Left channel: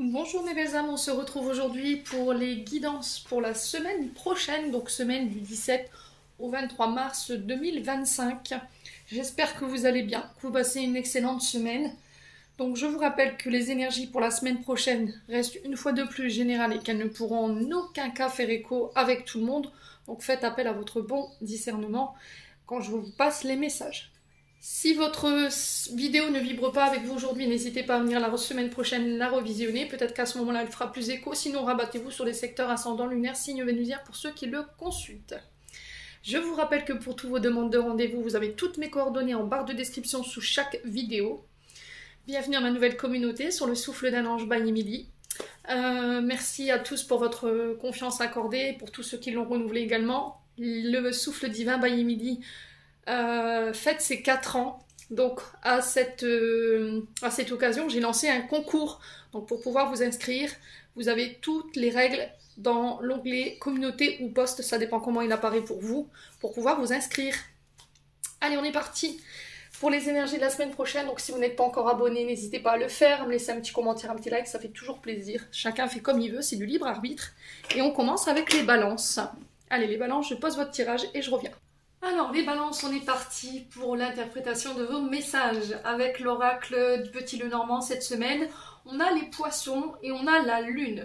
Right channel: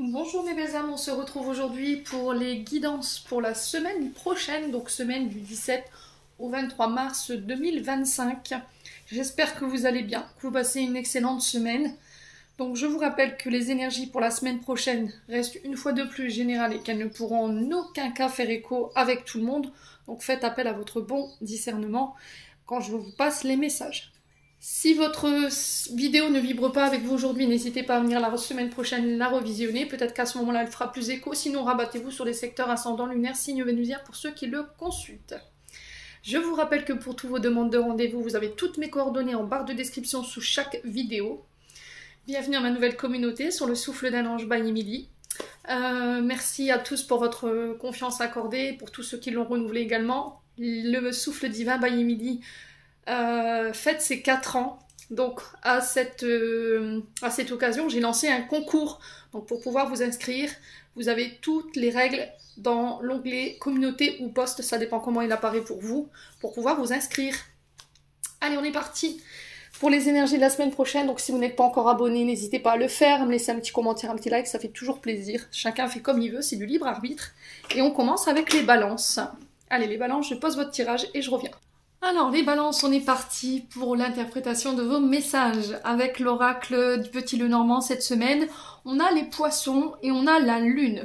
Bonjour mes belles âmes, on se retrouve aujourd'hui pour les guidances pour la semaine prochaine, donc semaine du 17 au 23 mars 2025. J'espère que vous allez bien, que vous passez une excellente semaine. Donc je vous rappelle que les énergies pour la semaine prochaine restent une fois de plus générales et qu'elles ne pourront en aucun cas faire écho avec tout le monde. Donc faites appel à votre bon discernement quand je vous passe les messages. Si votre vidéo ne vibre pas avec vous aujourd'hui, n'hésitez pas à venir la semaine prochaine la revisionner. Peut-être qu'à ce moment-là, elle fera plus écho. Sinon, rabattez-vous sur les secteurs ascendant lunaire, signe vénusien pour ceux qui le consultent. Je vous rappelle que pour toutes vos demandes de rendez-vous, vous avez toutes mes coordonnées en barre de description sous chaque vidéo. Bienvenue à ma nouvelle communauté sur le souffle d'un ange by Emily. Merci à tous pour votre confiance accordée, pour tous ceux qui l'ont renouvelé également. Le souffle divin by Emily fête ses 4 ans. Donc à cette occasion, j'ai lancé un concours. Donc pour pouvoir vous inscrire, vous avez toutes les règles dans l'onglet communauté ou poste, ça dépend comment il apparaît pour vous, pour pouvoir vous inscrire. Allez, on est parti pour les énergies de la semaine prochaine. Donc si vous n'êtes pas encore abonné, n'hésitez pas à le faire, à me laisser un petit commentaire, un petit like, ça fait toujours plaisir. Chacun fait comme il veut, c'est du libre arbitre. Et on commence avec les balances. Allez, les balances, je pose votre tirage et je reviens. Alors, les balances, on est parti pour l'interprétation de vos messages avec l'oracle du Petit Lenormand cette semaine. On a les poissons et on a la lune.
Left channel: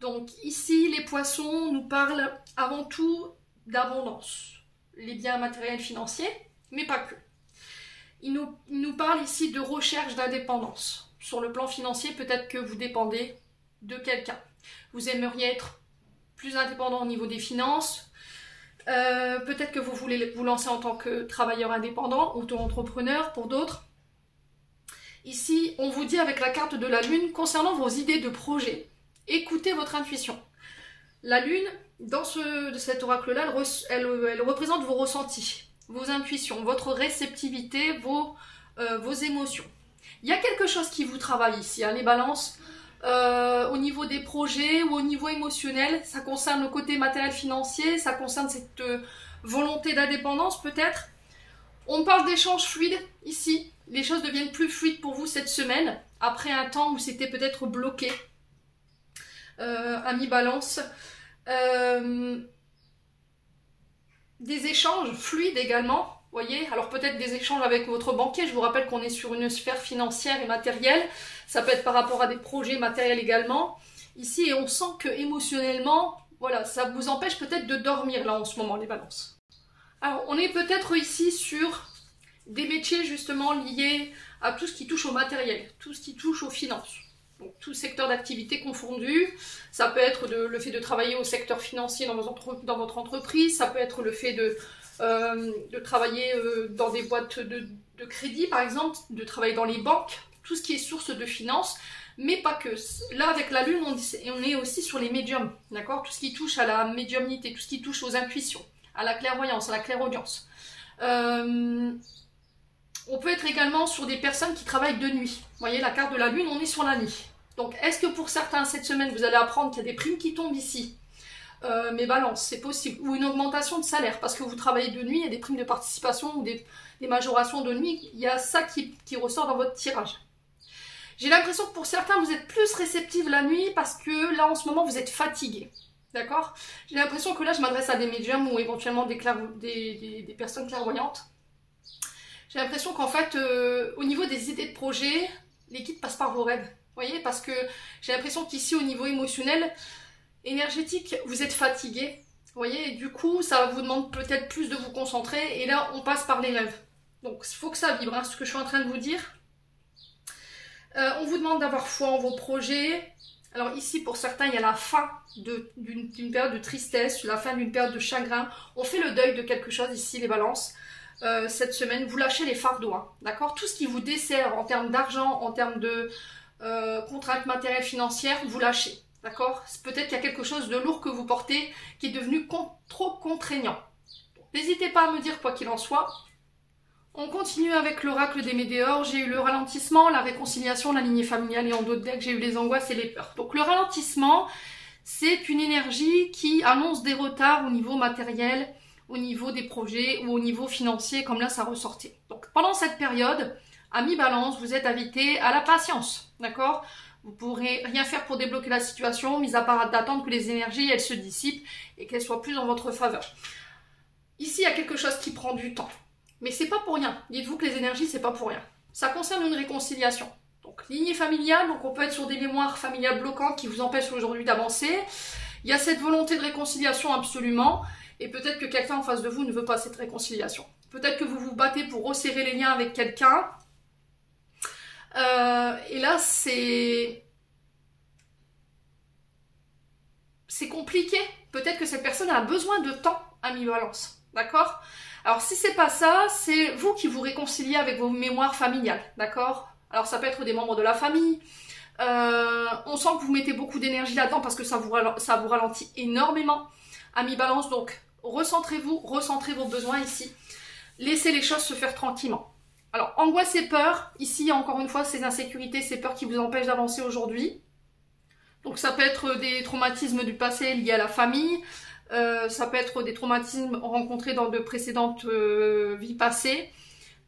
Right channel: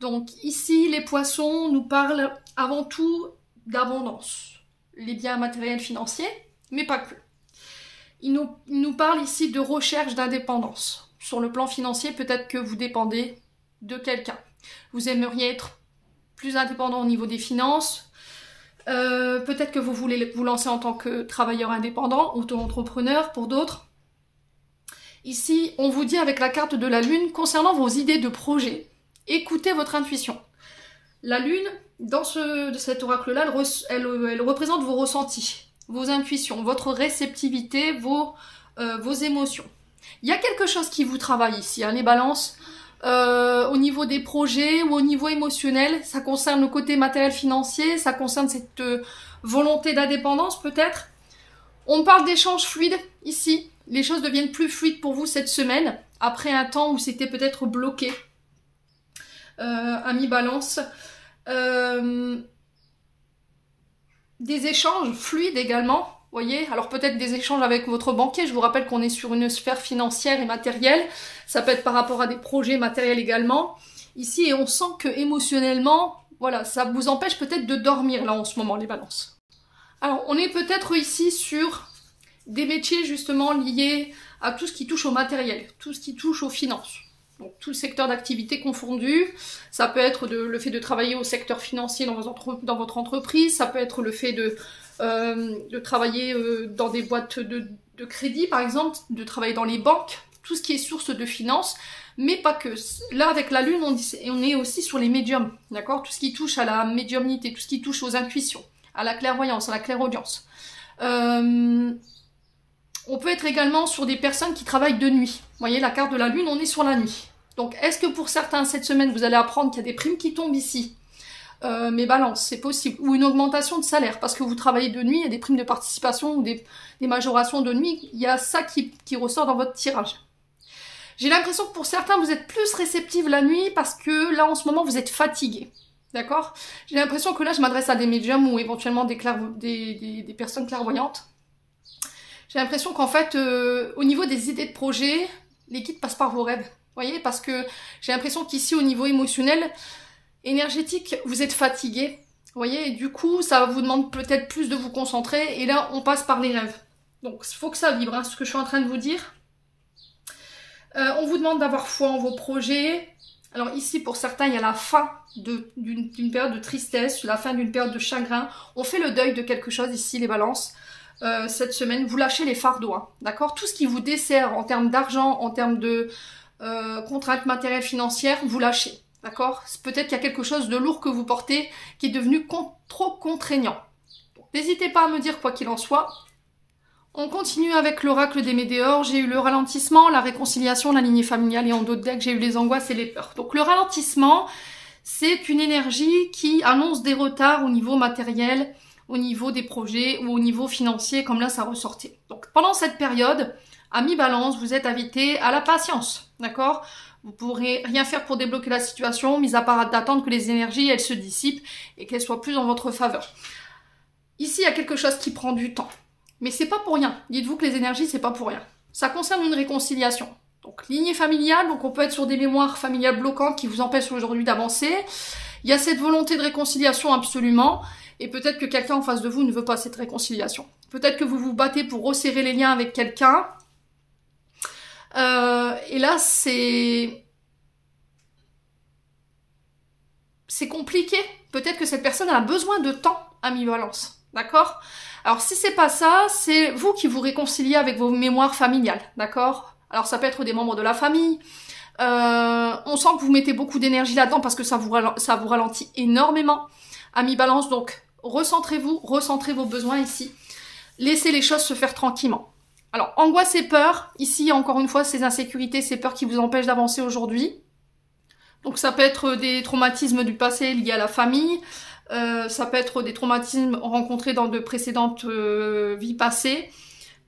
Donc ici, les poissons nous parlent avant tout d'abondance. Les biens matériels financiers, mais pas que. Ils nous parlent ici de recherche d'indépendance. Sur le plan financier, peut-être que vous dépendez de quelqu'un. Vous aimeriez être plus indépendant au niveau des finances. Peut-être que vous voulez vous lancer en tant que travailleur indépendant, auto-entrepreneur pour d'autres. Ici, on vous dit avec la carte de la lune, concernant vos idées de projet, écoutez votre intuition. La lune, dans cet oracle-là, elle représente vos ressentis, vos intuitions, votre réceptivité, vos émotions. Il y a quelque chose qui vous travaille ici, hein, les balances. Au niveau des projets ou au niveau émotionnel, ça concerne le côté matériel financier, ça concerne cette volonté d'indépendance peut-être. On parle d'échanges fluides ici, les choses deviennent plus fluides pour vous cette semaine, après un temps où c'était peut-être bloqué. Amis balance. Des échanges fluides également. Voyez, alors peut-être des échanges avec votre banquier. Je vous rappelle qu'on est sur une sphère financière et matérielle. Ça peut être par rapport à des projets matériels également. Ici, et on sent que émotionnellement, voilà, ça vous empêche peut-être de dormir là en ce moment, les balances. Alors, on est peut-être ici sur des métiers justement liés à tout ce qui touche au matériel, tout ce qui touche aux finances. Donc, tout secteur d'activité confondu. Ça peut être le fait de travailler au secteur financier dans votre entreprise. Ça peut être le fait de travailler dans des boîtes de crédit par exemple, de travailler dans les banques, tout ce qui est source de finances, mais pas que. Là avec la lune, on est aussi sur les médiums, d'accord? Tout ce qui touche à la médiumnité, tout ce qui touche aux intuitions, à la clairvoyance, à la clairaudience. On peut être également sur des personnes qui travaillent de nuit. Vous voyez, la carte de la lune, on est sur la nuit. Donc est-ce que pour certains cette semaine, vous allez apprendre qu'il y a des primes qui tombent ici? Mais balance, c'est possible. Ou une augmentation de salaire, parce que vous travaillez de nuit, il y a des primes de participation ou des majorations de nuit. Il y a ça qui ressort dans votre tirage. J'ai l'impression que pour certains, vous êtes plus réceptifs la nuit parce que là, en ce moment, vous êtes fatigué. D'accord? J'ai l'impression que là, je m'adresse à des médiums ou éventuellement des personnes clairvoyantes. J'ai l'impression qu'en fait, au niveau des idées de projet, les guides passent par vos rêves. Vous voyez? Parce que j'ai l'impression qu'ici, au niveau émotionnel, énergétique, vous êtes fatigué, vous voyez, et du coup, ça vous demande peut-être plus de vous concentrer, et là, on passe par les rêves. Donc, il faut que ça vibre, hein, ce que je suis en train de vous dire. On vous demande d'avoir foi en vos projets. Alors ici, pour certains, il y a la fin d'une période de tristesse, la fin d'une période de chagrin. On fait le deuil de quelque chose ici, les balances. Cette semaine, vous lâchez les fardeaux, hein, d'accord? Tout ce qui vous dessert en termes d'argent, en termes de contraintes matérielles financières, vous lâchez. D'accord? Peut-être qu'il y a quelque chose de lourd que vous portez qui est devenu trop contraignant. N'hésitez pas à me dire quoi qu'il en soit. On continue avec l'oracle des météores. J'ai eu le ralentissement, la réconciliation, la lignée familiale et en d'autres decks, j'ai eu les angoisses et les peurs. Donc le ralentissement, c'est une énergie qui annonce des retards au niveau matériel, au niveau des projets ou au niveau financier, comme là ça ressortait. Donc pendant cette période, Amis Balance, vous êtes invité à la patience, d'accord? Vous ne pourrez rien faire pour débloquer la situation, mis à part d'attendre que les énergies, elles se dissipent et qu'elles soient plus en votre faveur. Ici, il y a quelque chose qui prend du temps. Mais c'est pas pour rien. Dites-vous que les énergies, c'est pas pour rien. Ça concerne une réconciliation. Donc, lignée familiale, donc on peut être sur des mémoires familiales bloquantes qui vous empêchent aujourd'hui d'avancer. Il y a cette volonté de réconciliation absolument. Et peut-être que quelqu'un en face de vous ne veut pas cette réconciliation. Peut-être que vous vous battez pour resserrer les liens avec quelqu'un. Et là, c'est compliqué. Peut-être que cette personne a besoin de temps, Amis Balance. D'accord? Alors, si c'est pas ça, c'est vous qui vous réconciliez avec vos mémoires familiales. D'accord? Alors, ça peut être des membres de la famille. On sent que vous mettez beaucoup d'énergie là-dedans parce que ça vous ralentit énormément. Amis Balance, donc, recentrez-vous, recentrez vos besoins ici. Laissez les choses se faire tranquillement. Alors, angoisse et peur. Ici, encore une fois, ces insécurités, ces peurs qui vous empêchent d'avancer aujourd'hui. Donc, ça peut être des traumatismes du passé liés à la famille. Ça peut être des traumatismes rencontrés dans de précédentes vies passées.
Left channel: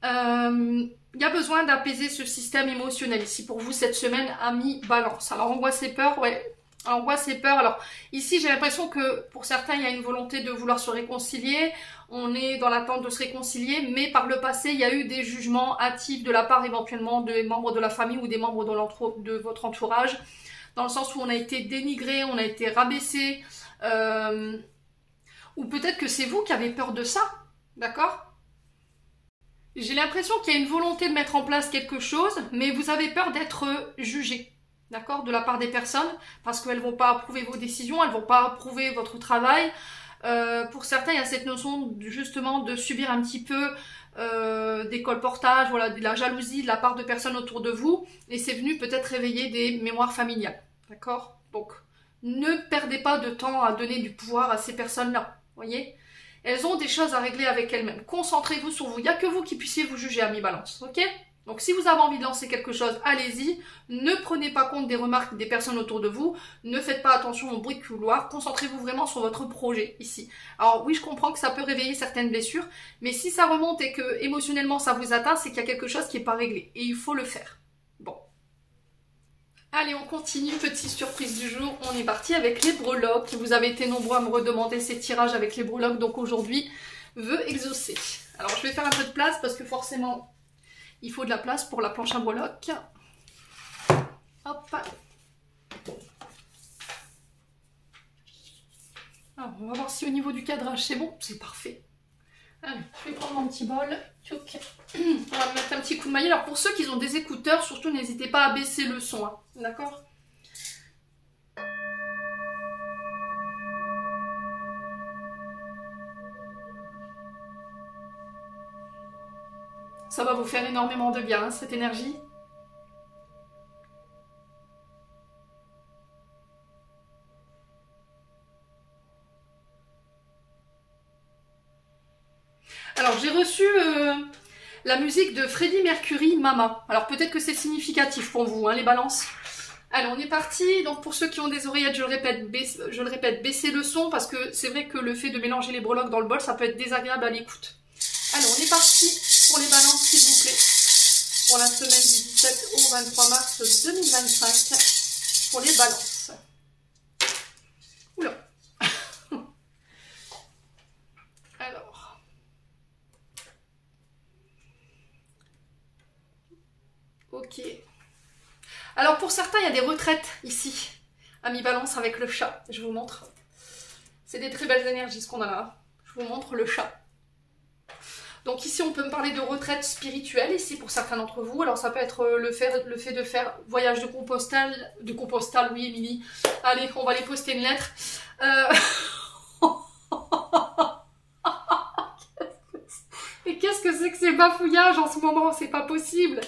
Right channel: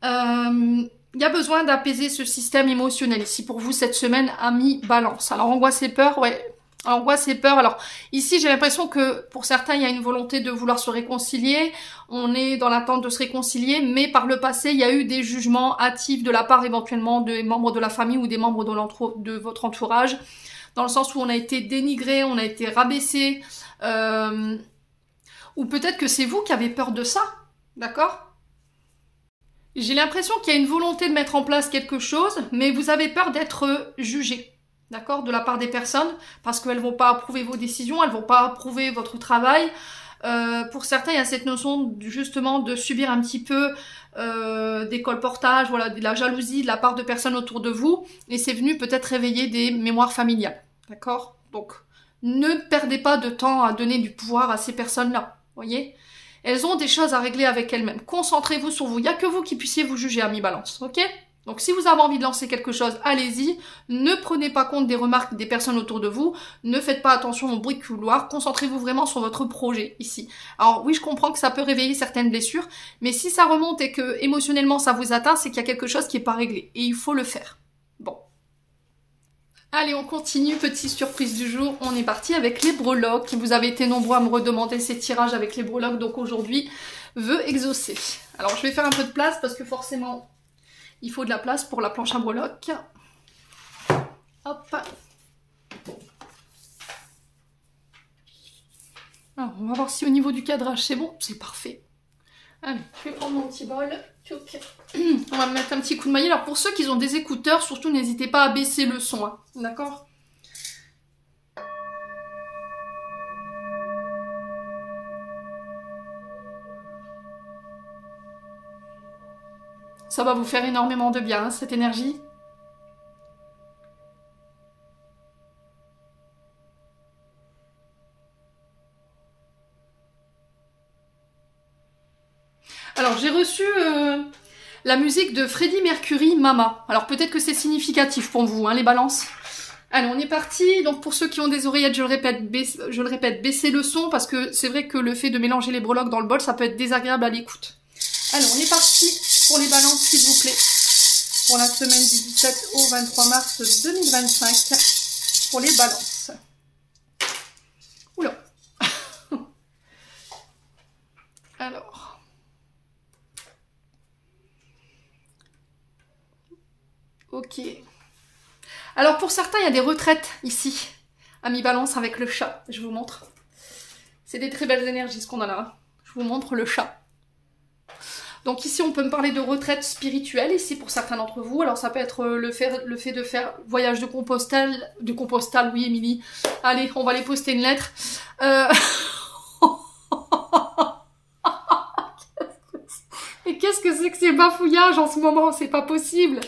Il y a besoin d'apaiser ce système émotionnel ici pour vous cette semaine, Amis Balance. Alors, angoisse et peur, ouais. Angoisse et peur. Alors, ici, j'ai l'impression que pour certains, il y a une volonté de vouloir se réconcilier. On est dans l'attente de se réconcilier, mais par le passé, il y a eu des jugements hâtifs de la part éventuellement des membres de la famille ou des membres de votre entourage, dans le sens où on a été dénigré, on a été rabaissé, ou peut-être que c'est vous qui avez peur de ça, d'accord? J'ai l'impression qu'il y a une volonté de mettre en place quelque chose, mais vous avez peur d'être jugé. D'accord, de la part des personnes, parce qu'elles ne vont pas approuver vos décisions, elles ne vont pas approuver votre travail. Pour certains, il y a cette notion justement de subir un petit peu des colportages, voilà, de la jalousie de la part de personnes autour de vous, et c'est venu peut-être réveiller des mémoires familiales. D'accord? Donc, ne perdez pas de temps à donner du pouvoir à ces personnes-là. Voyez? Elles ont des choses à régler avec elles-mêmes. Concentrez-vous sur vous. Il n'y a que vous qui puissiez vous juger, Amis Balance. Ok? Donc si vous avez envie de lancer quelque chose, allez-y. Ne prenez pas compte des remarques des personnes autour de vous. Ne faites pas attention aux bruits de couloir. Concentrez-vous vraiment sur votre projet ici. Alors oui, je comprends que ça peut réveiller certaines blessures, mais si ça remonte et que émotionnellement ça vous atteint, c'est qu'il y a quelque chose qui n'est pas réglé. Et il faut le faire. Bon. Allez, on continue. Petite surprise du jour. On est parti avec les breloques. Vous avez été nombreux à me redemander ces tirages avec les breloques. Donc aujourd'hui, vœux exaucés. Alors je vais faire un peu de place parce que forcément... il faut de la place pour la planche à breloques. Hop. Alors, on va voir si au niveau du cadrage c'est bon. C'est parfait. Allez, je vais prendre mon petit bol. On va mettre un petit coup de maillet. Alors pour ceux qui ont des écouteurs, surtout n'hésitez pas à baisser le son. Hein. D'accord ? Ça va vous faire énormément de bien, hein, cette énergie. Alors, j'ai reçu la musique de Freddie Mercury, Mama. Alors, peut-être que c'est significatif pour vous, hein, les balances. Allez, on est parti. Donc, pour ceux qui ont des oreillettes, je le répète, baissez le son, parce que c'est vrai que le fait de mélanger les breloques dans le bol, ça peut être désagréable à l'écoute. Allez, on est parti pour les balances, s'il vous plaît. Pour la semaine du 17 au 23 mars 2025. Pour les balances. Oula. Alors. Ok. Alors, pour certains, il y a des retraites ici. Amis Balance avec le chat. Je vous montre. C'est des très belles énergies, ce qu'on a là. Je vous montre le chat. Donc ici, on peut me parler de retraite spirituelle, ici, pour certains d'entre vous. Alors, ça peut être le fait de faire voyage de Compostelle. De Compostelle, oui, Émilie. Allez, on va aller poster une lettre. Et qu'est-ce que c'est que ces bafouillages en ce moment? C'est pas possible.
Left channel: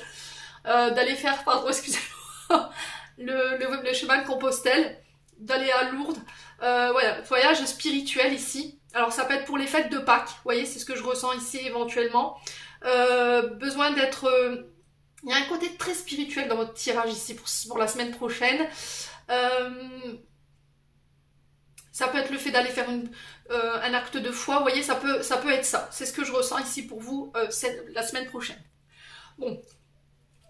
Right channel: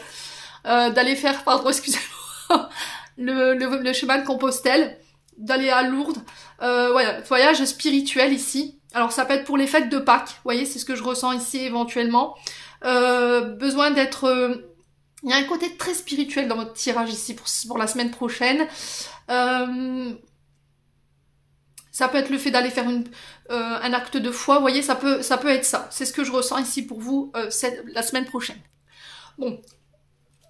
D'aller faire, pardon, excusez-moi, le chemin de Compostelle. D'aller à Lourdes. Voilà, voyage spirituel ici. Alors ça peut être pour les fêtes de Pâques, vous voyez, c'est ce que je ressens ici éventuellement. Besoin d'être... il y a un côté très spirituel dans votre tirage ici pour la semaine prochaine. Ça peut être le fait d'aller faire un acte de foi, vous voyez, ça peut être ça. C'est ce que je ressens ici pour vous la semaine prochaine. Bon,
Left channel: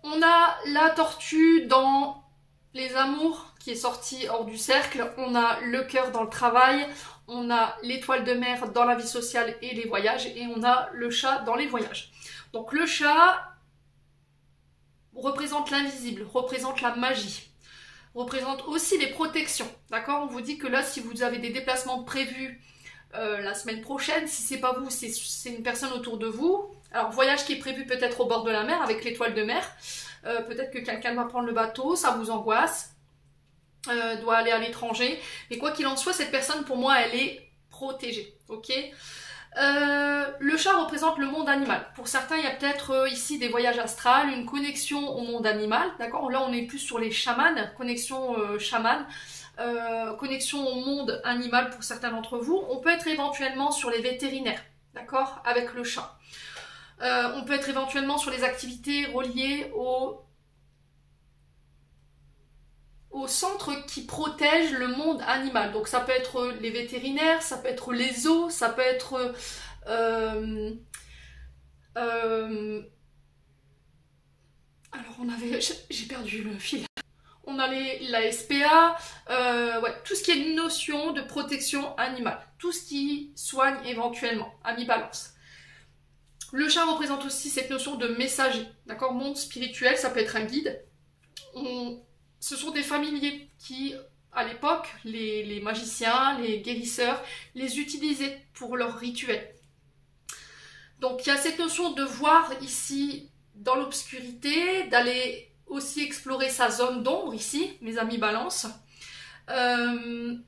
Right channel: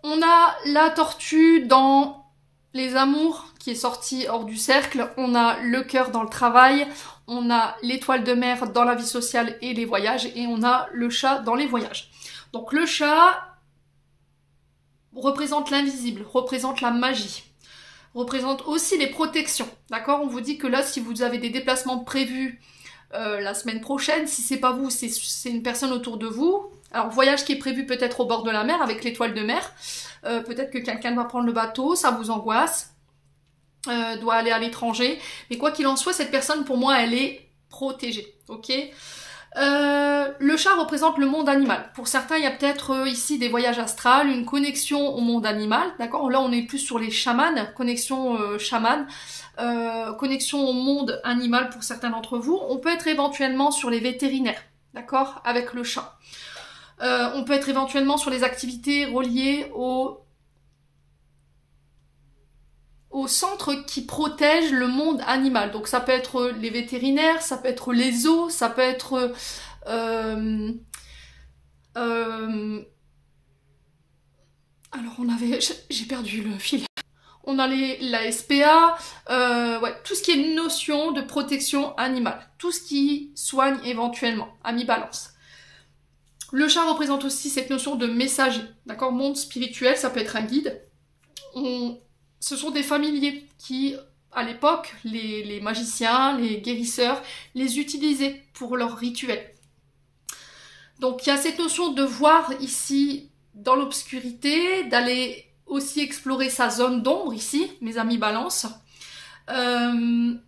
On a la tortue dans les amours qui est sortie hors du cercle. On a le cœur dans le travail. On a l'étoile de mer dans la vie sociale et les voyages. Et on a le chat dans les voyages. Donc le chat représente l'invisible, représente la magie, représente aussi les protections. D'accord? On vous dit que là, si vous avez des déplacements prévus la semaine prochaine, si c'est pas vous, c'est une personne autour de vous. Alors, voyage qui est prévu peut-être au bord de la mer avec l'étoile de mer. Peut-être que quelqu'un va prendre le bateau, ça vous angoisse, doit aller à l'étranger. Mais quoi qu'il en soit, cette personne, pour moi, elle est protégée. Ok? Le chat représente le monde animal. Pour certains, il y a peut-être ici des voyages astrales, une connexion au monde animal. D'accord? Là, on est plus sur les chamans, connexion chaman. Connexion au monde animal pour certains d'entre vous. On peut être éventuellement sur les vétérinaires, d'accord, avec le chat. On peut être éventuellement sur les activités reliées au centre qui protège le monde animal. Donc ça peut être les vétérinaires, ça peut être les zoos, ça peut être... alors on avait... J'ai perdu le fil. On a la SPA, ouais, tout ce qui est notion de protection animale, tout ce qui soigne éventuellement, ami balance. Le chat représente aussi cette notion de messager, d'accord, monde spirituel, ça peut être un guide. Ce sont des familiers qui, à l'époque, les magiciens, les guérisseurs, les utilisaient pour leurs rituels. Donc il y a cette notion de voir ici dans l'obscurité, d'aller aussi explorer sa zone d'ombre ici, mes amis balance. Il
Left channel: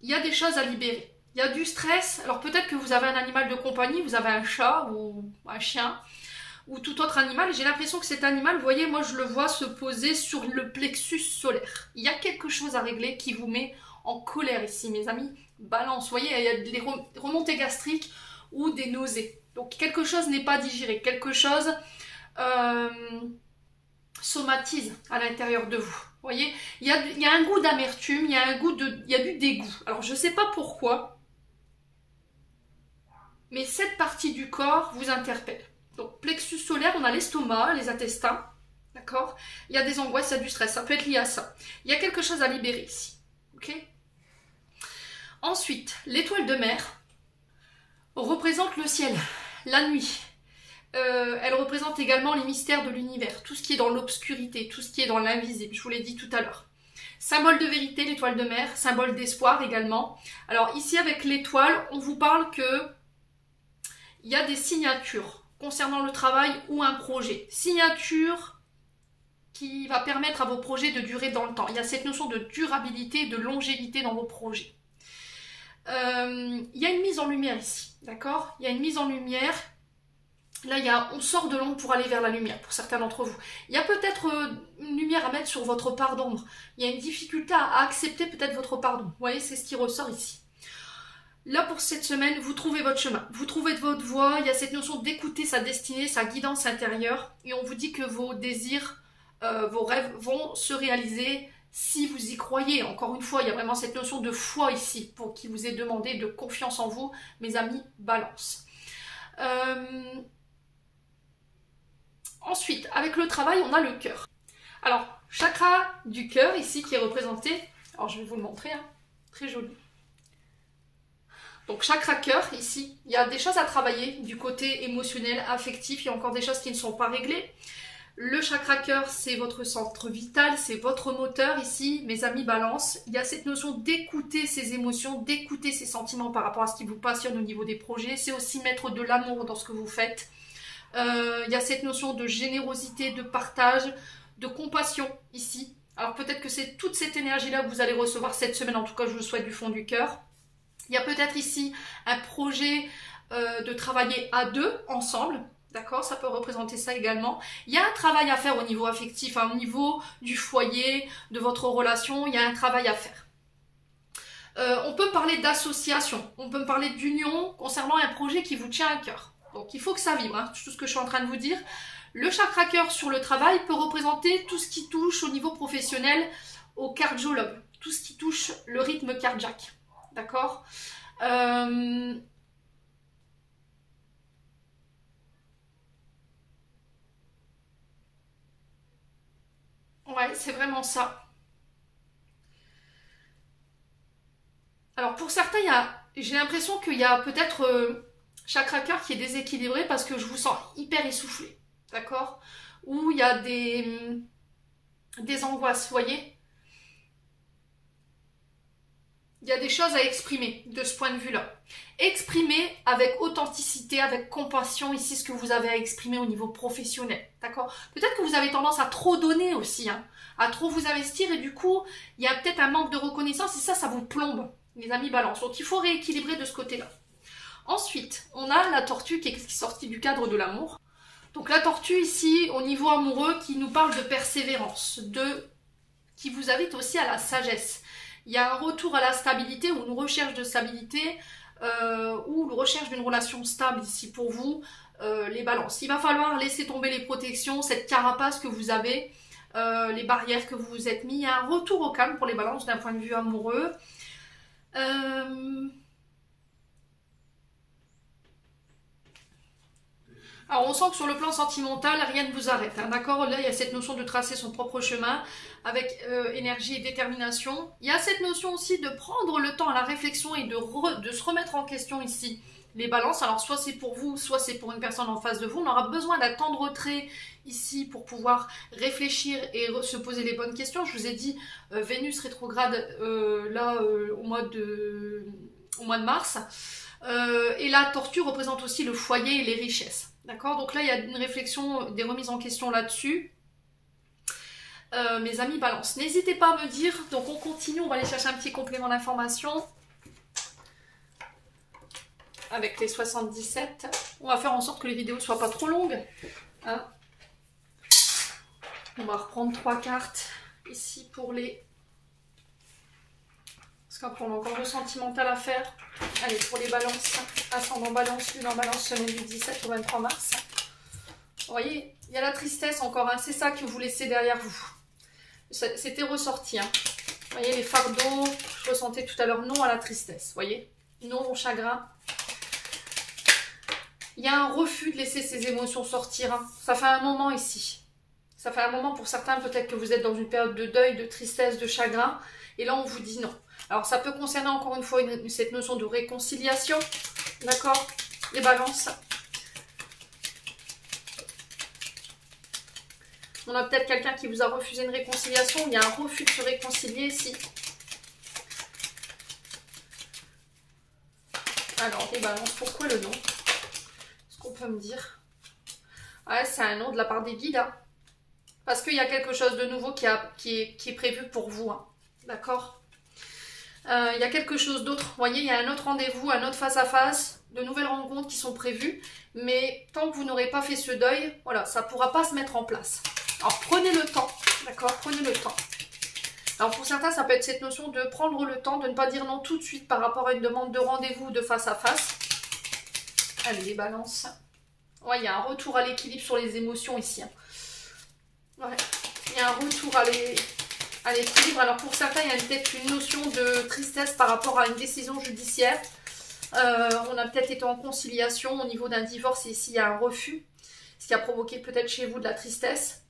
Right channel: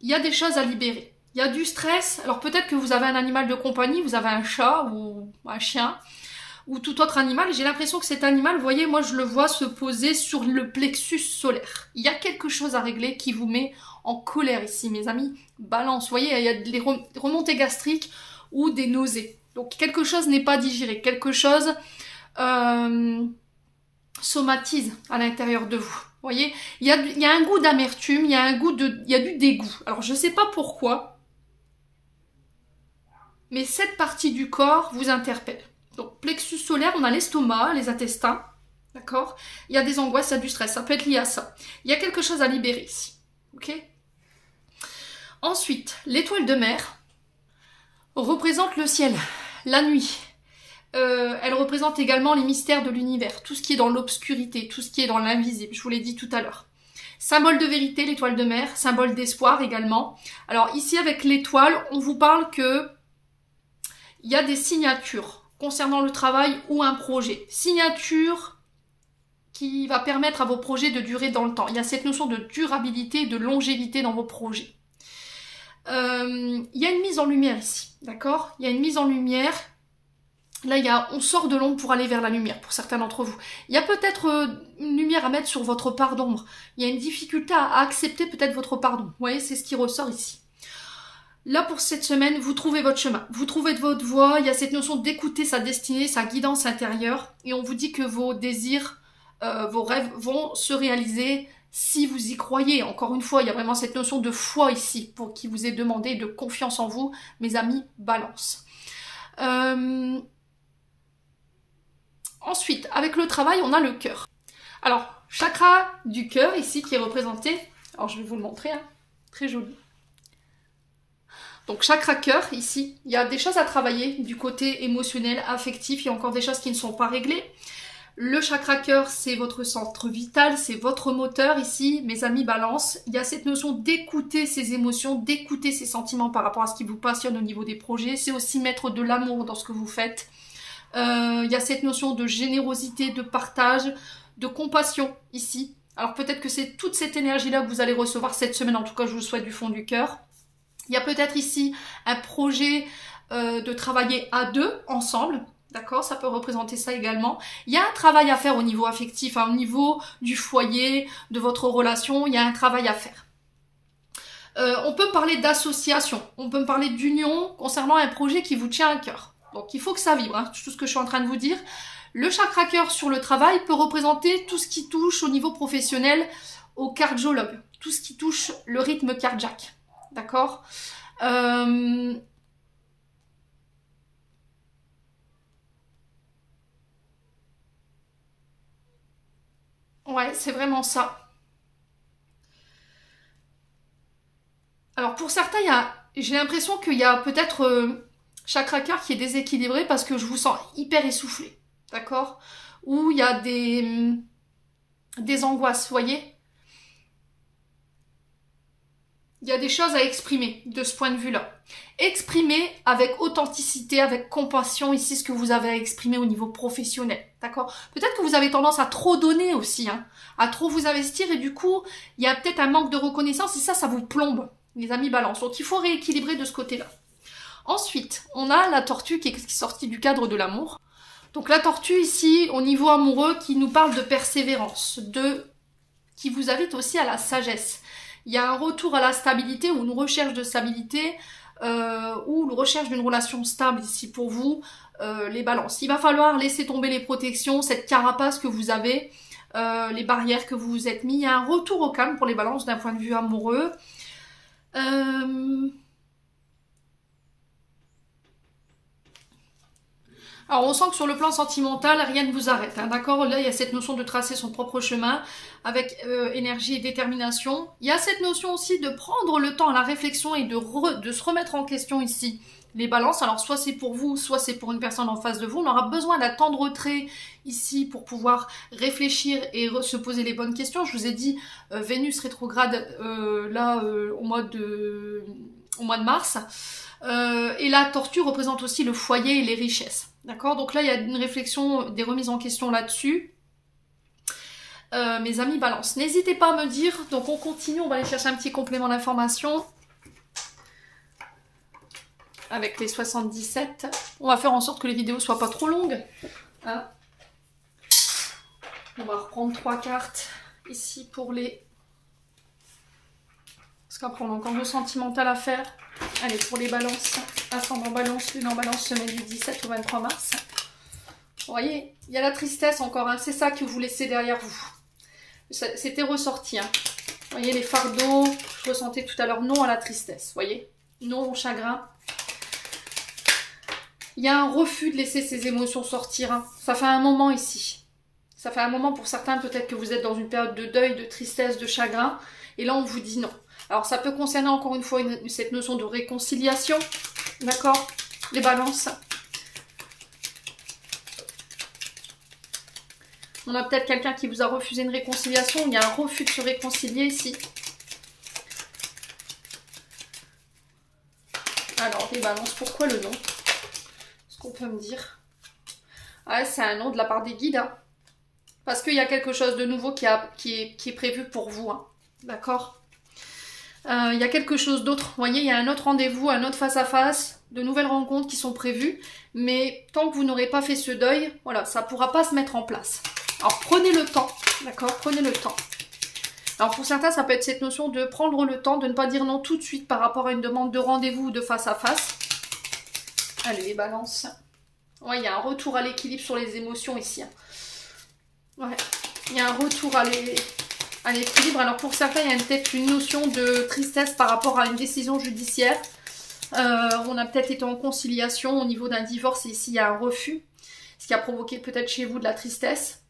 y a des choses à libérer. Il y a du stress. Alors peut-être que vous avez un animal de compagnie, vous avez un chat ou un chien ou tout autre animal. J'ai l'impression que cet animal, vous voyez, moi je le vois se poser sur le plexus solaire. Il y a quelque chose à régler qui vous met en colère ici, mes amis. Balance, vous voyez, il y a des remontées gastriques ou des nausées. Donc quelque chose n'est pas digéré, quelque chose... somatise à l'intérieur de vous. Vous voyez, il y a un goût d'amertume, il y a du dégoût. Alors je ne sais pas pourquoi, mais cette partie du corps vous interpelle. Donc plexus solaire, on a l'estomac, les intestins, d'accord? Il y a des angoisses, il y a du stress, ça peut être lié à ça. Il y a quelque chose à libérer ici, ok? Ensuite, l'étoile de mer représente le ciel, la nuit. Elle représente également les mystères de l'univers, tout ce qui est dans l'obscurité, tout ce qui est dans l'invisible, je vous l'ai dit tout à l'heure. Symbole de vérité, l'étoile de mer, symbole d'espoir également. Alors ici avec l'étoile, on vous parle que il y a des signatures concernant le travail ou un projet. Signature qui va permettre à vos projets de durer dans le temps. Il y a cette notion de durabilité, de longévité dans vos projets. Il y a une mise en lumière ici, d'accord? Il y a une mise en lumière. Là, on sort de l'ombre pour aller vers la lumière, pour certains d'entre vous. Il y a peut-être une lumière à mettre sur votre part d'ombre. Il y a une difficulté à accepter peut-être votre part d'ombre. Vous voyez, c'est ce qui ressort ici. Là, pour cette semaine, vous trouvez votre chemin. Vous trouvez votre voie. Il y a cette notion d'écouter sa destinée, sa guidance intérieure. Et on vous dit que vos désirs, vos rêves vont se réaliser si vous y croyez. Encore une fois, il y a vraiment cette notion de foi ici, pour qui vous est demandé, de confiance en vous, mes amis, balance. Ensuite, avec le travail, on a le cœur. Alors, chakra du cœur ici qui est représenté. Alors, je vais vous le montrer, hein. Très joli. Donc, chakra cœur ici, il y a des choses à travailler du côté émotionnel, affectif. Il y a encore des choses qui ne sont pas réglées. Le chakra cœur, c'est votre centre vital, c'est votre moteur ici, mes amis balance. Il y a cette notion d'écouter ses émotions, d'écouter ses sentiments par rapport à ce qui vous passionne au niveau des projets. C'est aussi mettre de l'amour dans ce que vous faites. Il y a cette notion de générosité, de partage, de compassion ici. Alors peut-être que c'est toute cette énergie-là que vous allez recevoir cette semaine, en tout cas je vous le souhaite du fond du cœur. Il y a peut-être ici un projet de travailler à deux, ensemble, d'accord? Ça peut représenter ça également. Il y a un travail à faire au niveau affectif, au niveau du foyer, de votre relation, il y a un travail à faire. On peut parler d'association, on peut parler d'union concernant un projet qui vous tient à cœur. Donc il faut que ça vibre, hein, tout ce que je suis en train de vous dire. Le chakra cœur sur le travail peut représenter tout ce qui touche au niveau professionnel, au cardiologue, tout ce qui touche le rythme cardiaque. D'accord? Ouais, c'est vraiment ça. Alors pour certains, j'ai l'impression qu'il y a peut-être chakra cœur qui est déséquilibré parce que je vous sens hyper essoufflé, d'accord? Ou il y a des angoisses, vous voyez? Il y a des choses à exprimer de ce point de vue-là. Exprimez avec authenticité, avec compassion ici ce que vous avez à exprimer au niveau professionnel, d'accord? Peut-être que vous avez tendance à trop donner aussi, hein, à trop vous investir et du coup, il y a peut-être un manque de reconnaissance et ça vous plombe, les amis balance. Donc il faut rééquilibrer de ce côté-là. Ensuite, on a la tortue qui est sortie du cadre de l'amour. Donc la tortue ici, au niveau amoureux, qui nous parle de persévérance, qui vous invite aussi à la sagesse. Il y a un retour à la stabilité ou une recherche de stabilité ou une recherche d'une relation stable ici pour vous, les balances. Il va falloir laisser tomber les protections, cette carapace que vous avez, les barrières que vous vous êtes mis. Il y a un retour au calme pour les balances d'un point de vue amoureux. Alors on sent que sur le plan sentimental, rien ne vous arrête, hein, d'accord? Là, il y a cette notion de tracer son propre chemin avec énergie et détermination. Il y a cette notion aussi de prendre le temps à la réflexion et de se remettre en question ici. Les balances, alors soit c'est pour vous, soit c'est pour une personne en face de vous. On aura besoin d'un temps de retrait ici pour pouvoir réfléchir et se poser les bonnes questions. Je vous ai dit, Vénus rétrograde au mois de mars. Et la tortue représente aussi le foyer et les richesses. D'accord? Donc là, il y a une réflexion, des remises en question là-dessus. Mes amis balance. N'hésitez pas à me dire. Donc on continue, on va aller chercher un petit complément d'information. Avec les 77. On va faire en sorte que les vidéos soient pas trop longues. Hein? On va reprendre 3 cartes ici pour les... Parce qu'après on a encore le sentimental à faire. Allez, pour les balances, ascendant balance, lune en balance, semaine du 17 au 23 mars. Vous voyez, il y a la tristesse encore, hein, c'est ça que vous laissez derrière vous. C'était ressorti. Hein. Vous voyez, les fardeaux, je ressentais tout à l'heure non à la tristesse. Vous voyez, non au chagrin. Il y a un refus de laisser ces émotions sortir. Hein. Ça fait un moment ici. Ça fait un moment pour certains, peut-être que vous êtes dans une période de deuil, de tristesse, de chagrin. Et là, on vous dit non. Alors, ça peut concerner encore une fois cette notion de réconciliation. D'accord? Les balances. On a peut-être quelqu'un qui vous a refusé une réconciliation. Il y a un refus de se réconcilier ici. Alors, les balances, pourquoi le nom? Est-ce qu'on peut me dire? Ah, c'est un nom de la part des guides. Hein. Parce qu'il y a quelque chose de nouveau qui est prévu pour vous. Hein. D'accord? Il y a quelque chose d'autre. Vous voyez, il y a un autre rendez-vous, un autre face-à-face, de nouvelles rencontres qui sont prévues. Mais tant que vous n'aurez pas fait ce deuil, voilà, ça ne pourra pas se mettre en place. Alors, prenez le temps. D'accord? Prenez le temps. Alors, pour certains, ça peut être cette notion de prendre le temps, de ne pas dire non tout de suite par rapport à une demande de rendez-vous de face-à-face. Allez, les balances. Ouais, il y a un retour à l'équilibre sur les émotions ici. Hein. Ouais, il y a un retour à l'équilibre. Alors pour certains, il y a peut-être une notion de tristesse par rapport à une décision judiciaire. On a peut-être été en conciliation au niveau d'un divorce et ici il y a un refus. Ce qui a provoqué peut-être chez vous de la tristesse.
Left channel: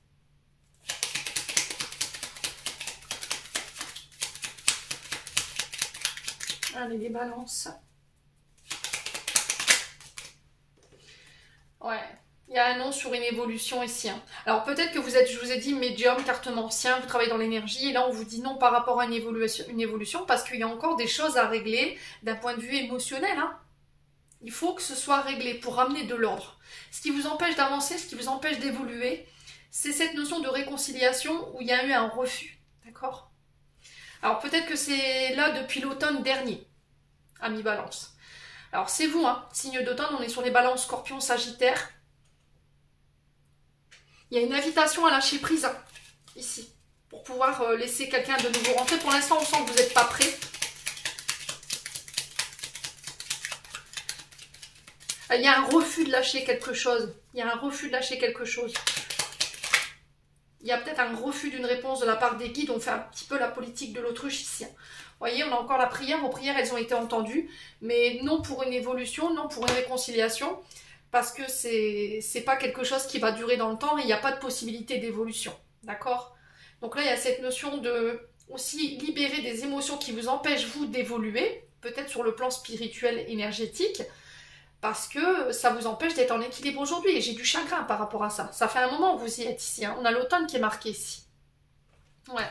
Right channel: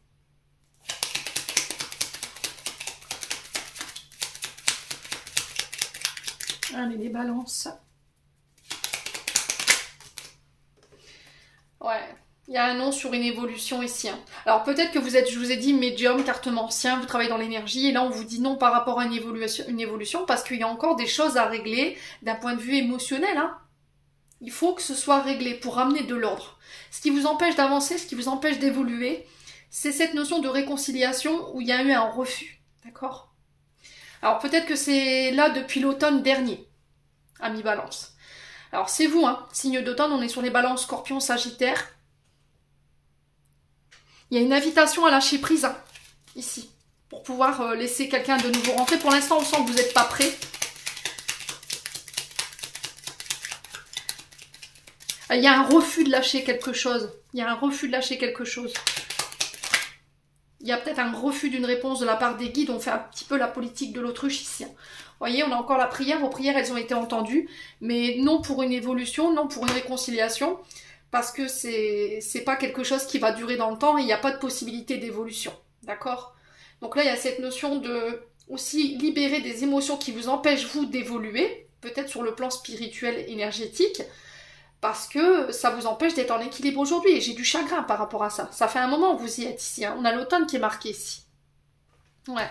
Allez, les balances. Ouais. Il y a un nom sur une évolution ici. Hein. Alors peut-être que vous êtes, je vous ai dit, médium, cartomancien, vous travaillez dans l'énergie, et là on vous dit non par rapport à une évolution parce qu'il y a encore des choses à régler d'un point de vue émotionnel. Hein. Il faut que ce soit réglé pour ramener de l'ordre. Ce qui vous empêche d'avancer, ce qui vous empêche d'évoluer, c'est cette notion de réconciliation où il y a eu un refus. D'accord? Alors peut-être que c'est là depuis l'automne dernier, amis balance. Alors c'est vous, hein, signe d'automne, on est sur les balances scorpion, sagittaire. Il y a une invitation à lâcher prise, hein, ici, pour pouvoir laisser quelqu'un de nouveau rentrer. Pour l'instant, on sent que vous n'êtes pas prêt. Il y a un refus de lâcher quelque chose. Il y a un refus de lâcher quelque chose. Il y a peut-être un refus d'une réponse de la part des guides. On fait un petit peu la politique de l'autruche ici. Vous voyez, on a encore la prière. Vos prières, elles ont été entendues. Mais non pour une évolution, non pour une réconciliation. Parce que c'est pas quelque chose qui va durer dans le temps et il n'y a pas de possibilité d'évolution. D'accord? Donc là, il y a cette notion de aussi libérer des émotions qui vous empêchent, vous, d'évoluer, peut-être sur le plan spirituel, énergétique, parce que ça vous empêche d'être en équilibre aujourd'hui. Et j'ai du chagrin par rapport à ça. Ça fait un moment que vous y êtes ici. Hein. On a l'automne qui est marqué ici. Ouais.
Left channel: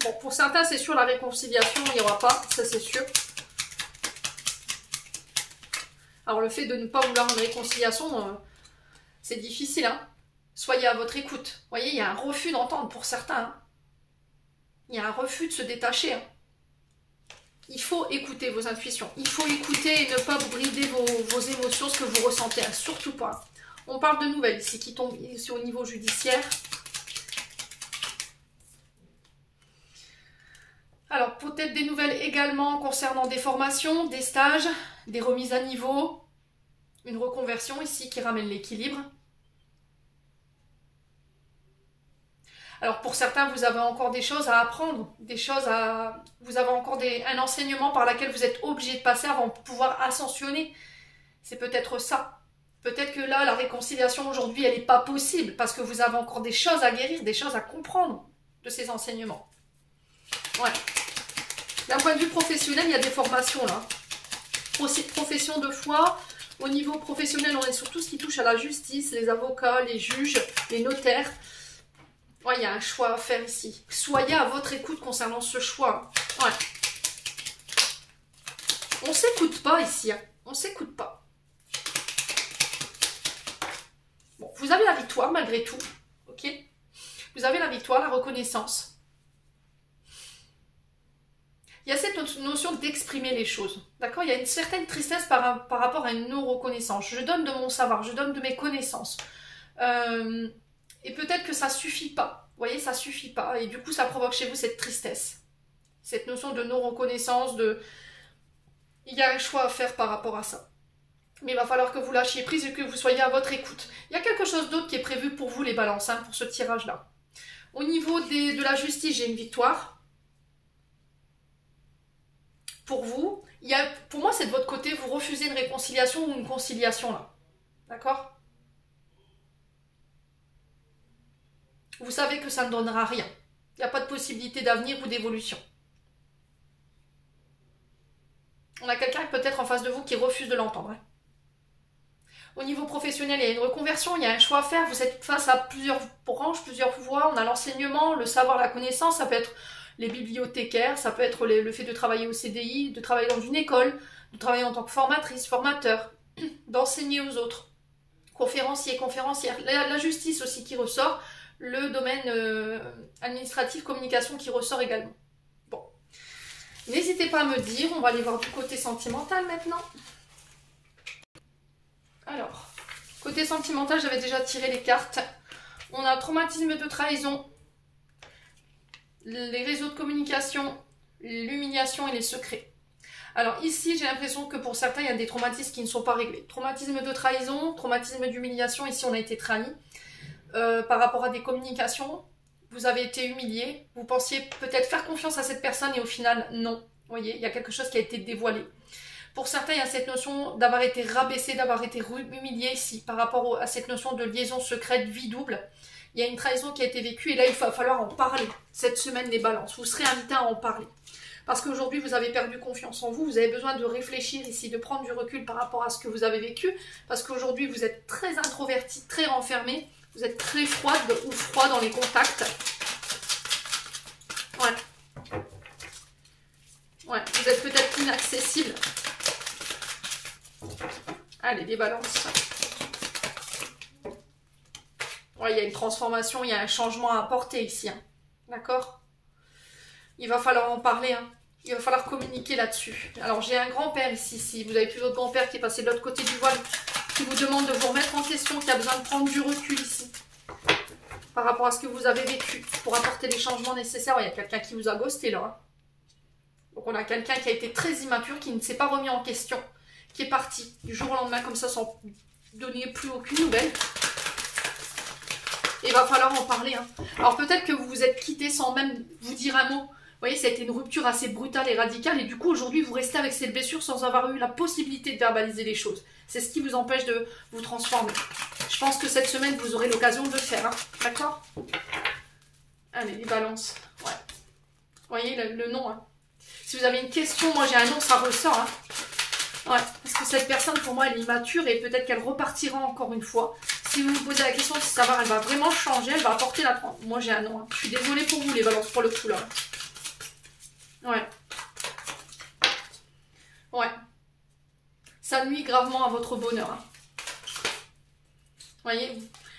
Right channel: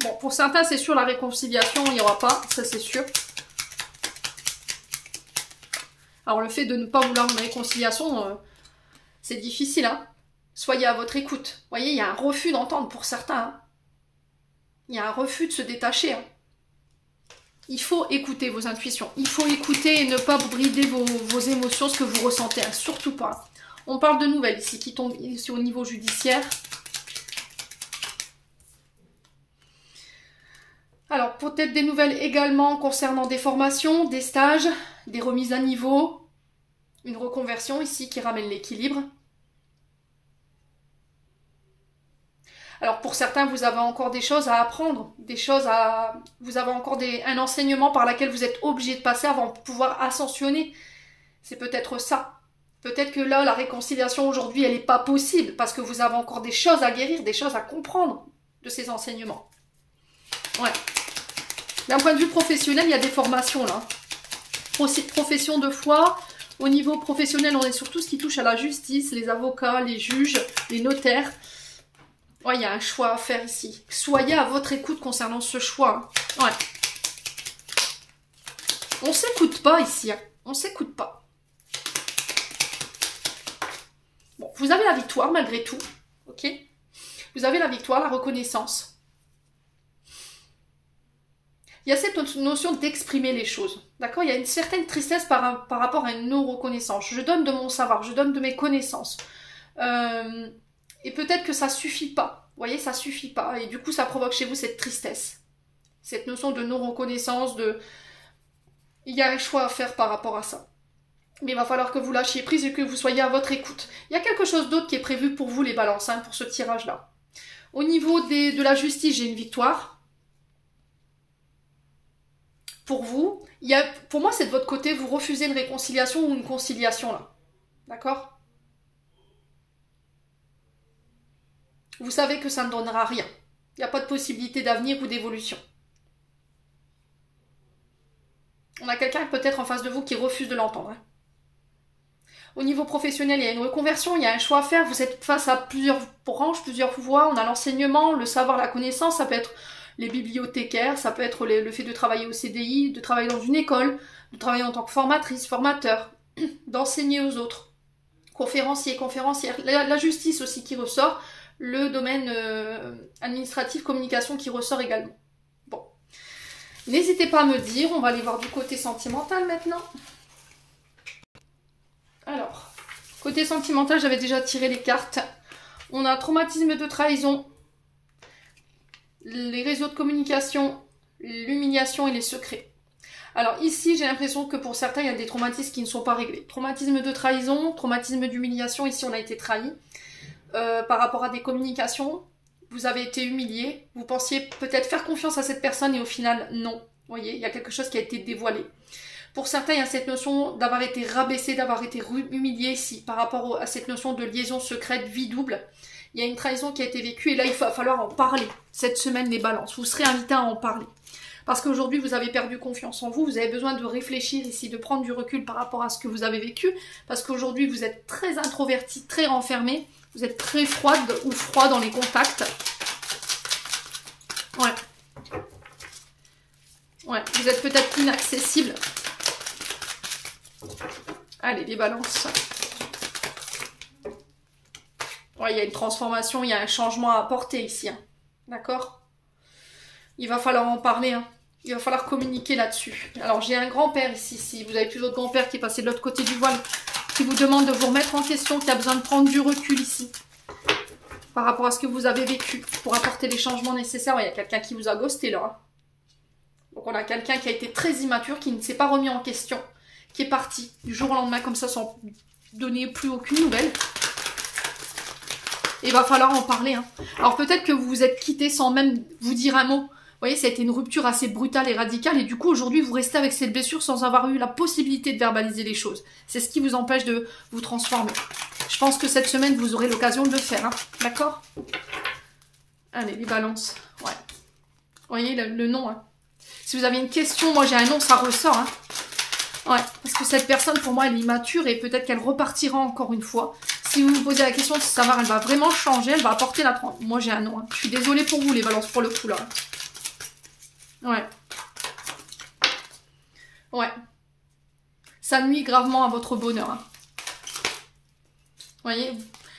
Bon, pour certains, c'est sûr, la réconciliation, il n'y aura pas. Ça, c'est sûr. Alors, le fait de ne pas vouloir une réconciliation, c'est difficile. Hein. Soyez à votre écoute. Vous voyez, il y a un refus d'entendre pour certains. Hein. Il y a un refus de se détacher. Hein. Il faut écouter vos intuitions. Il faut écouter et ne pas brider vos émotions, ce que vous ressentez. Hein. Surtout pas. On parle de nouvelles ici qui tombent ici au niveau judiciaire. Alors, peut-être des nouvelles également concernant des formations, des stages, des remises à niveau, une reconversion ici qui ramène l'équilibre. Alors, pour certains, vous avez encore des choses à apprendre, vous avez encore un enseignement par lequel vous êtes obligé de passer avant de pouvoir ascensionner. C'est peut-être ça. Peut-être que là, la réconciliation aujourd'hui, elle n'est pas possible parce que vous avez encore des choses à guérir, des choses à comprendre de ces enseignements. Ouais. D'un point de vue professionnel, il y a des formations là. Aussi de profession de foi. Au niveau professionnel, on est sur tout ce qui touche à la justice, les avocats, les juges, les notaires. Ouais, il y a un choix à faire ici. Soyez à votre écoute concernant ce choix. Ouais. On s'écoute pas ici. Hein. On s'écoute pas. Bon, vous avez la victoire malgré tout. Ok? Vous avez la victoire, la reconnaissance. Il y a cette notion d'exprimer les choses. D'accord? Il y a une certaine tristesse par rapport à une non-reconnaissance. Je donne de mon savoir, je donne de mes connaissances. Et peut-être que ça ne suffit pas. Vous voyez, ça ne suffit pas. Et du coup, ça provoque chez vous cette tristesse. Cette notion de non-reconnaissance, il y a un choix à faire par rapport à ça. Mais il va falloir que vous lâchiez prise et que vous soyez à votre écoute. Il y a quelque chose d'autre qui est prévu pour vous, les balances, hein, pour ce tirage-là. Au niveau de la justice, j'ai une victoire. Pour vous, pour moi, c'est de votre côté, vous refusez une réconciliation ou une conciliation, là. D'accord? Vous savez que ça ne donnera rien. Il n'y a pas de possibilité d'avenir ou d'évolution. On a quelqu'un peut-être en face de vous qui refuse de l'entendre. Hein. Au niveau professionnel, il y a une reconversion, il y a un choix à faire. Vous êtes face à plusieurs branches, plusieurs voies. On a l'enseignement, le savoir, la connaissance. Ça peut être les bibliothécaires, ça peut être le fait de travailler au CDI, de travailler dans une école, de travailler en tant que formatrice, formateur, d'enseigner aux autres. Conférencier, conférencière. La justice aussi qui ressort. Le domaine administratif, communication qui ressort également. Bon. N'hésitez pas à me dire, on va aller voir du côté sentimental maintenant. Alors, côté sentimental, j'avais déjà tiré les cartes. On a traumatisme de trahison, les réseaux de communication, l'humiliation et les secrets. Alors ici, j'ai l'impression que pour certains, il y a des traumatismes qui ne sont pas réglés. Traumatisme de trahison, traumatisme d'humiliation, ici on a été trahi. Par rapport à des communications, vous avez été humilié, vous pensiez peut-être faire confiance à cette personne et au final, non. Vous voyez, il y a quelque chose qui a été dévoilé. Pour certains, il y a cette notion d'avoir été rabaissé, d'avoir été humilié ici, par rapport à cette notion de liaison secrète, vie double. Il y a une trahison qui a été vécue et là, il va falloir en parler. Cette semaine, les balances, vous serez invité à en parler. Parce qu'aujourd'hui, vous avez perdu confiance en vous, vous avez besoin de réfléchir ici, de prendre du recul par rapport à ce que vous avez vécu. Parce qu'aujourd'hui, vous êtes très introverti, très renfermé. Vous êtes très froide ou froid dans les contacts. Ouais. Ouais, vous êtes peut-être inaccessible. Allez, les balances. Ouais, il y a une transformation, il y a un changement à apporter ici. Hein. D'accord? Il va falloir en parler. Hein. Il va falloir communiquer là-dessus. Alors, j'ai un grand-père ici. Si vous avez plus votre grand-père qui est passé de l'autre côté du voile, qui vous demande de vous remettre en question, qui a besoin de prendre du recul ici par rapport à ce que vous avez vécu pour apporter les changements nécessaires. Il y a quelqu'un qui vous a ghosté là. Donc on a quelqu'un qui a été très immature, qui ne s'est pas remis en question, qui est parti du jour au lendemain comme ça sans donner plus aucune nouvelle. Et il va falloir en parler. Hein. Alors peut-être que vous vous êtes quitté sans même vous dire un mot. voyez, ça a été une rupture assez brutale et radicale, et du coup, aujourd'hui, vous restez avec cette blessure sans avoir eu la possibilité de verbaliser les choses. C'est ce qui vous empêche de vous transformer. Je pense que cette semaine, vous aurez l'occasion de le faire, hein. D'accord? Allez, les balances. Ouais. Vous voyez, le nom, hein. Si vous avez une question, moi j'ai un nom, ça ressort, hein. Ouais, parce que cette personne, pour moi, elle est immature et peut-être qu'elle repartira encore une fois. Si vous vous posez la question de savoir, elle va vraiment changer, elle va apporter la trempe. Moi, j'ai un nom. Hein. Je suis désolée pour vous, les balances, pour le coup, là. Ouais. Ouais. Ça nuit gravement à votre bonheur. Hein. Vous voyez?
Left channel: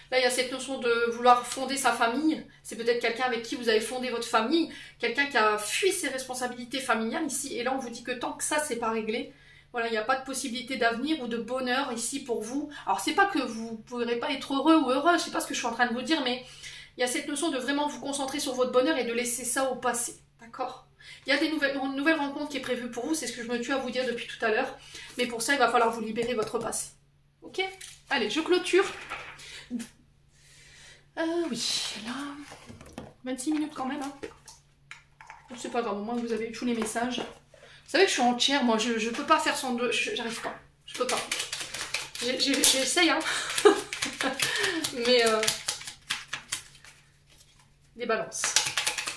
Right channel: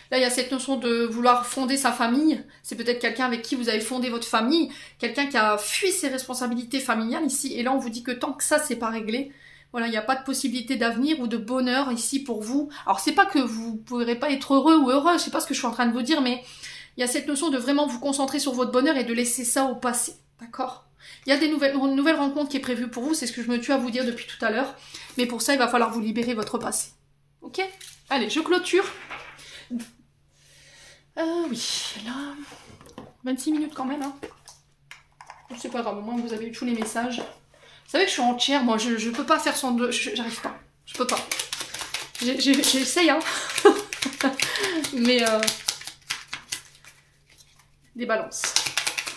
Là, il y a cette notion de vouloir fonder sa famille. C'est peut-être quelqu'un avec qui vous avez fondé votre famille. Quelqu'un qui a fui ses responsabilités familiales ici. Et là, on vous dit que tant que ça, c'est pas réglé, voilà, il n'y a pas de possibilité d'avenir ou de bonheur ici pour vous. Alors, c'est pas que vous ne pourrez pas être heureux ou heureux, c'est pas ce que je suis en train de vous dire, mais il y a cette notion de vraiment vous concentrer sur votre bonheur et de laisser ça au passé. D'accord? Il y a une nouvelle rencontre qui est prévue pour vous, c'est ce que je me tue à vous dire depuis tout à l'heure. Mais pour ça, il va falloir vous libérer votre passé. Ok? Allez, je clôture. Oui, là... 26 minutes quand même, hein. C'est pas grave, au moins vous avez eu tous les messages. Vous savez que je suis entière, moi, je peux pas faire son deux, j'arrive pas, je peux pas. J'essaye, hein. Mais, des balances.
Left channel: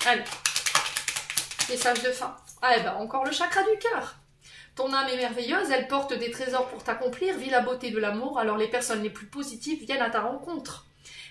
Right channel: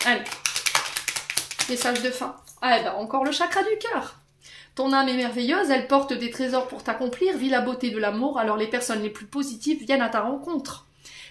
Allez. Message de fin. Ah, ben, encore le chakra du cœur. Ton âme est merveilleuse, elle porte des trésors pour t'accomplir, vis la beauté de l'amour, alors les personnes les plus positives viennent à ta rencontre.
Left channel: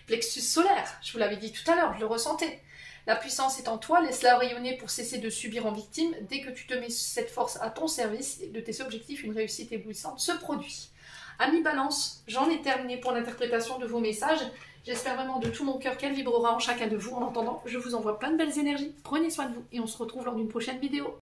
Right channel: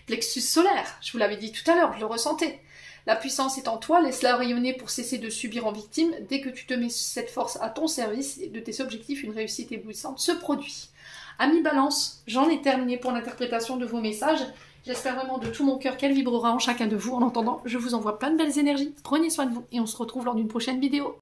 Plexus solaire, je vous l'avais dit tout à l'heure, je le ressentais. La puissance est en toi, laisse-la rayonner pour cesser de subir en victime. Dès que tu te mets cette force à ton service et de tes objectifs, une réussite éblouissante se produit. Amis Balance, j'en ai terminé pour l'interprétation de vos messages. J'espère vraiment de tout mon cœur qu'elle vibrera en chacun de vous. En attendant, je vous envoie plein de belles énergies. Prenez soin de vous et on se retrouve lors d'une prochaine vidéo.